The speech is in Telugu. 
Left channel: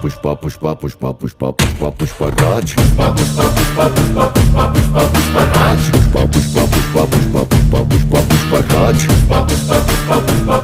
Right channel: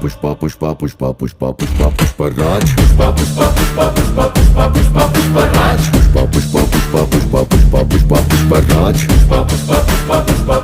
పుష్ప పుష్ప పుష్ప పుష్ప పుష్ప పుష్పరాజ్ పుష్ప పుష్ప పుష్ప పుష్ప పుష్ప పుష్ప పుష్పరాజ్ పుష్ప పుష్ప పుష్ప పుష్ప పుష్ప పుష్ప పుష్పరాజ్ పుష్ప పుష్ప పుష్ప పుష్ప